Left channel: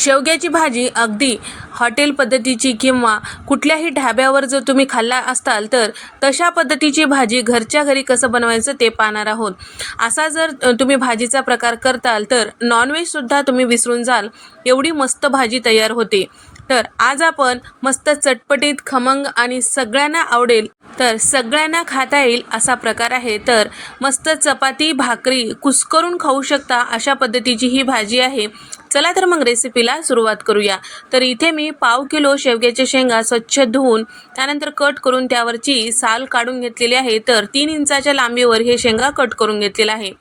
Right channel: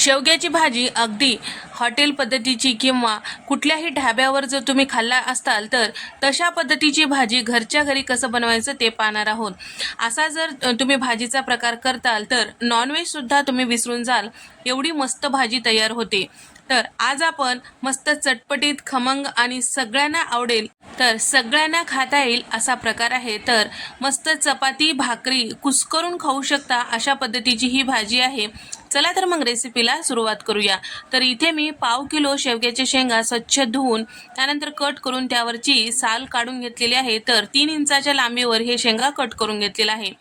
शेवग्याची भाजी अगदी हॉटेल पद्धतीची किंवा कुठल्याही ढाब्यावर जर तुम्ही खाल्ला असताल तर तशा पद्धतीची भाजी घरच्या घरी कसं बनवायचं ते पाहणार आहोत। असा जर तुम्ही भाजीचा प्रकार करताल तर नॉनव्हेजसुद्धा तुम्ही विसरून जाल, एवढी मस्त भाजी तयार होते। तर आज आपण मस्त चटपटीत खमंग आणि सगळ्यांना आवडेल तर सगळ्यांना खाता येईल असा प्रकार आहे। तर मस्त चपाती भाकरी कुस्करून खाऊ शकता अशा पद्धतीची ही भाजी आहे। चला तर मग रेसिपीला सुरुवात करूया। तर इथे मी पाव किलो शेवग्याच्या शेंगा स्वच्छ धुवून त्यानंतर कट करून त्यावरची साल काढून घेतलेली आहे। तर 3 इंचाच्या लांबीवर हे शेंगा कट करून घेतलेला आहे।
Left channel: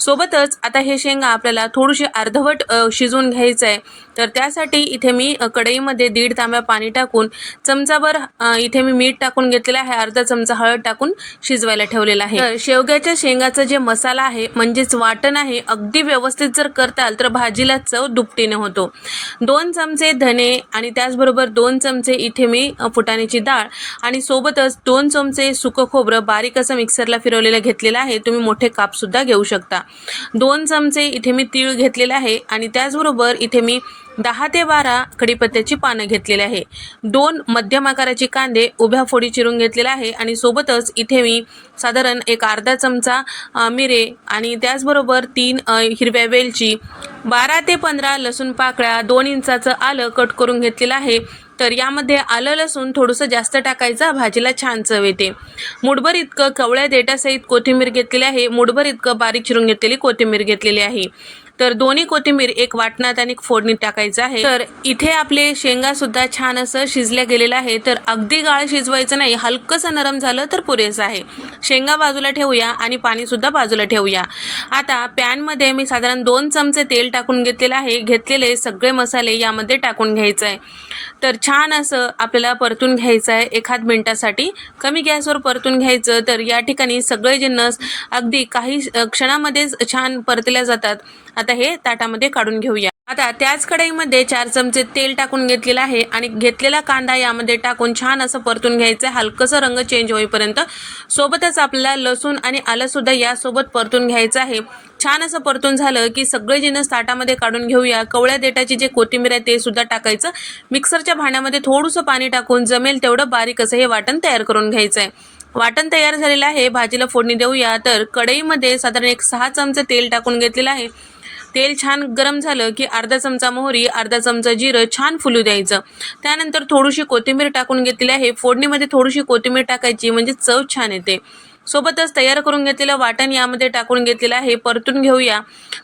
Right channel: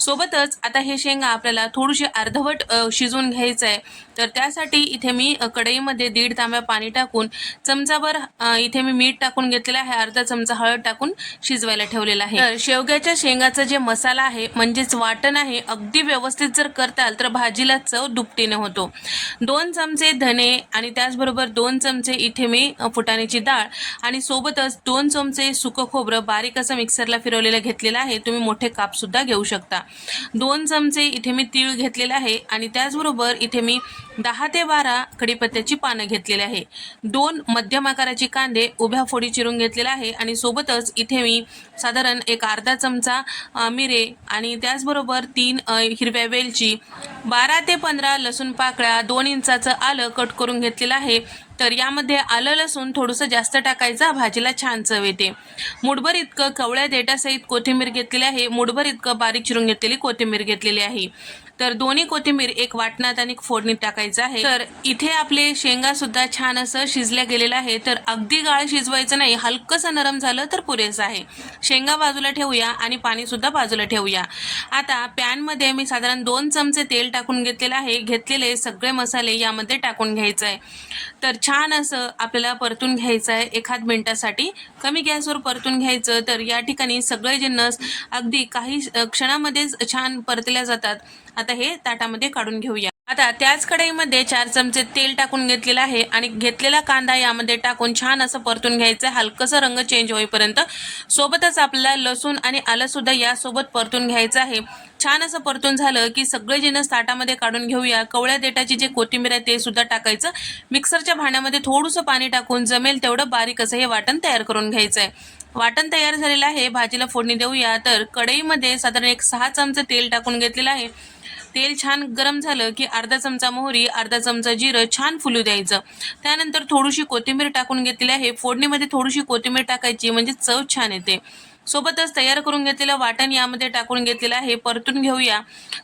सोबतच आता हे शेंगा आपल्याला थोडीशी अर्धवट शिजवून घ्यायचं आहे। तर त्यासाठी इथे मी कढईमध्ये 1.5 तांब्या पाणी टाकून चमचाभर इथे मी मीठ टाकून घेतलेलं आहे, अर्धा चमचा हळद टाकून शिजवायला ठेवलेला आहे। तर शेवग्याच्या शेंगाचा जे मसाला आहे म्हणजेच वाटण आहे, अगदी व्यवस्थित जर करताल तर भाजीला चव दुपटीने होतो। 2 चमचे धने आणि त्याचबरोबर 2 चमचे इथे मी फुटाण्याची डाळ आणि सोबतच 2 चमचे सुकं खोबरं बारीक असं मिक्सरला फिरवलेलं घेतलेलं आहे। तुम्ही मोठे काप सुद्धा घेऊ शकता। 2 चमचे इथे मी तीळ घेतलेले आहे आणि त्याचबरोबर इथे मी 10 ते 12 कढीपत्त्याची पानं घेतलेली आहे। 2 मध्यम आकाराचे कांदे उभ्या फोडी चिरून घेतलेला आहे आणि सोबतच इथे मी साधारण एक अर्धा चमचा मिरे आणि त्याचबरोबर 3 हिरव्या वेलची, 12 ते 15 लसूण पाकळ्या, 2 इंचाचं आलं कट करून घेतलेलं आहे। तर यामध्ये आलं लसूण थोडंसं जास्त टाकायचं, भाजीला छान चव येते। मुठभर इतकं कवळ्या देठासहित कोथिंबीर घेतलेली आहे, मुठभर इतकं बारीक चिरून घेतलेली कोथिंबीर घेतलेली आहे। तर दोन्ही कोथिंबीर एक वाटणात आणि फोडणीत टाकायचं आहे। तर इथे आपले शेंगा सुद्धा छान असं शिजल्या गेलेलं आहे। तर अगदी गाळ शिजवायचं नाही, हलकंसं नरम झालं तर पुरेसं आहे। शेंगा बाजूला ठेवूया आणि पाणी सुद्धा बाजूला ठेवूया। आता पॅनमध्ये मी साधारण 2 चमचे तेल टाकून घेतलेलं आहे। घेतलेले सगळे मसाले यामध्ये टाकून घ्यायचं आहे। तर छान असं आपल्याला परतून घ्यायचं आहे, 1 मिनिटासाठी कमी गॅसवर परतून घ्यायचं। तर या ठिकाणी सगळे जिन्नस अगदी काही क्षणामध्येच छान परतल्या जातात। आता हे ताटामध्ये काढून घेऊया। आता त्याच कढईमध्ये 4 चमचे तेल टाकून घेतलेलं आहे आणि घेतलेला कांदा यामध्ये टाकून छान असं परतून घ्यायचं आहे, हलकंसं रंग चेंज होईपर्यंत। सोबतच आपल्याला लसूण आणि आलं सुद्धा यासोबत परतून घ्यायचं आहे। छान असं परतून झालं की सगळे जिन्नस ताटामध्ये काढून घेऊया। कवळ्या देठाची जे कोथिंबीर आहे ते सुद्धा टाकायचं। मिक्सरच्या भांड्यामध्ये थोडंसं पाणी टाकून जमेल तेवढं बारीक असं हे वाटण तयार करून घ्यायचं आहे। वाटण तयार झालेलं आहे, भाजीला फोडणी देऊया। तर कढईमध्ये साधारण एक 6 चमचे तेल टाकून घेतलेलं आहे। तेल छान गरम झालं की अर्धा चमचा मोहरी, अर्धा चमचा जिरं छान फुलू द्यायचं। त्यानंतर थोडीशी कोथिंबीर टाकून घेतलेली आहे। फोडणीमध्ये थोडीशी कोथिंबीर टाकायची म्हणजे चव छान येते। सोबतच तयार करून घेतलेलं वाटण यामध्ये टाकून घेतलेलं आहे, परतून घेऊया।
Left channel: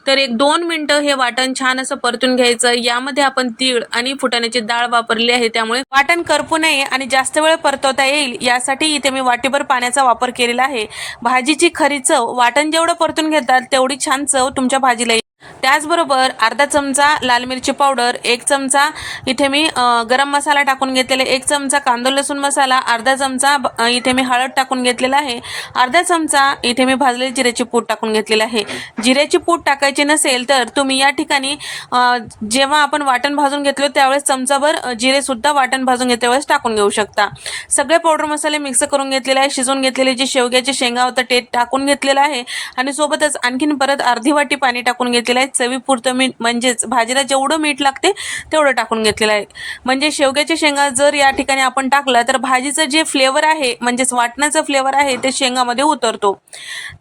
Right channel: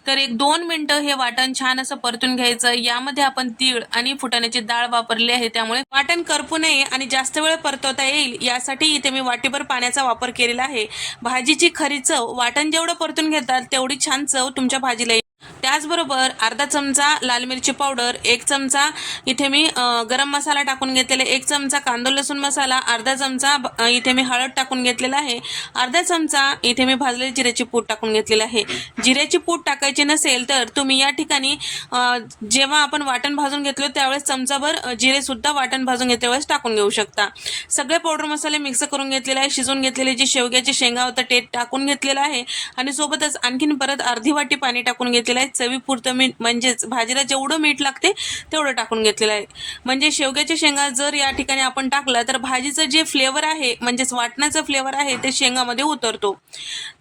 तर 1-2 मिनिटं हे वाटण छान असं परतून घ्यायचं। यामध्ये आपण तीळ आणि फुटाण्याची डाळ वापरली आहे, त्यामुळे वाटण करपू नये आणि जास्त वेळ परतवता येईल यासाठी इथे मी वाटीभर पाण्याचा वापर केलेला आहे। भाजीची खरी चव वाटण जेवढं परतून घेतात तेवढी छान चव तुमच्या भाजीला येईल। त्याचबरोबर अर्धा चमचा लाल मिरची पावडर, 1 चमचा इथे मी गरम मसाला टाकून घेतलेला, 1 चमचा कांदा लसूण मसाला, अर्धा चमचा इथे मी हळद टाकून घेतलेला आहे, अर्धा चमचा इथे मी भाजलेली जिऱ्याची पूड टाकून घेतलेला आहे। जिऱ्याची पूड टाकायची नसेल तर तुम्ही या ठिकाणी जेव्हा आपण वाटण भाजून घेतलं त्यावेळेस चमचाभर जिरे सुद्धा वाटण भाजून घेतल्या वेळेस टाकून घेऊ शकता। सगळे पावडर मसाले मिक्स करून घेतलेले आहे। शिजवून घेतलेले जे शेवग्याचे शेंगा होतं ते टाकून घेतलेलं आहे आणि सोबतच आणखीन परत अर्धी वाटी पाणी टाकून घेतलेलं आहे। चवीपुरतं मीठ म्हणजेच भाजीला जेवढं मीठ लागते तेवढं टाकून घेतलेलं आहे। म्हणजे शेवग्याच्या शेंगा जर या ठिकाणी आपण टाकला तर भाजीचं जे फ्लेवर आहे म्हणजेच वाटणाचं फ्लेवर आहे ते शेंगामध्ये उतरतो।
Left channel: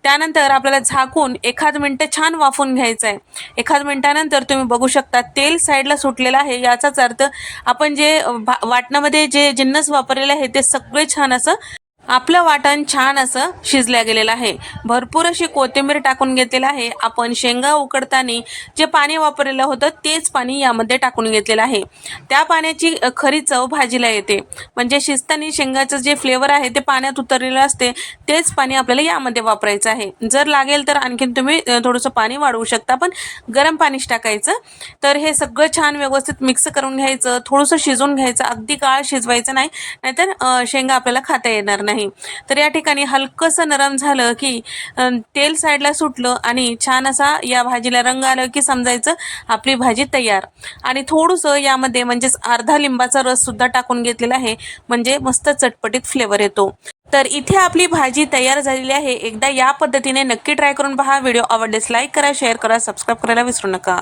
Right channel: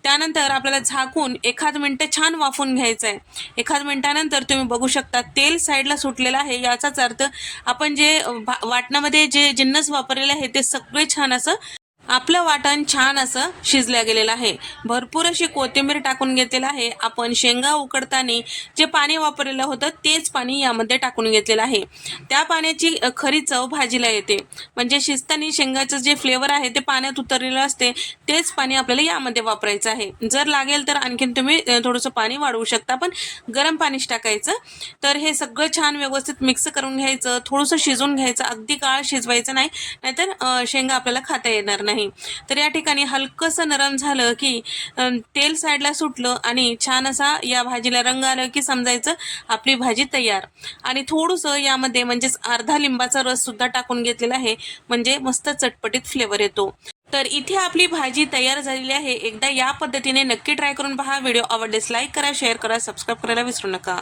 त्यानंतर आपल्याला झाकून 1 मिनिट छान वाफून घ्यायचं आहे। 1 मिनिटानंतर तुम्ही बघू शकता तेल साईडला सुटलेलं आहे, याचाच अर्थ आपण जे वाटणामध्ये जे जिन्नस वापरलेले आहे ते सगळे छान असं आपलं वाटण छान असं शिजल्या गेलेलं आहे। भरपूर अशी कोथिंबीर टाकून घेतलेलं आहे। आपण शेंगा उकडताना जे पाणी वापरलेलं होतं तेच पाणी यामध्ये टाकून घेतलेलं आहे। त्या पाण्याची खरी चव भाजीला येते, म्हणजे शिजताना शेंगाचं जे फ्लेवर आहे ते पाण्यात उतरलेलं असते, तेच पाणी आपल्याला यामध्ये वापरायचं आहे। जर लागेल तर आणखीन तुम्ही थोडंसं पाणी वाढवू शकता, पण गरम पाणीच टाकायचं। तर हे सगळं छान व्यवस्थित मिक्स करून घ्यायचं, थोडंसं शिजवून घ्यायचं, अगदी गाळ शिजवायचं नाही, नाहीतर शेंगा आपल्याला खाता येणार नाही। तर या ठिकाणी हलकंसं नरम झालं की तेल साईडला सुटलं आणि छान असा या भाजीला रंग आलं की समजायचं आपली भाजी तयार। आणि थोडंसं यामध्ये म्हणजेच अर्धा लिंबाचा रस सुद्धा टाकून घेतलेला आहे, म्हणजे मस्त चटपटीत फ्लेवर येतो। तर इथे आपली भाजी तयार झालेली आहे। एकदा या पद्धतीने नक्की ट्राय करून पहा। व्हिडिओ आवडल्यास लाईक करा, शेअर करा, सबस्क्राईब करायला विसरू नका।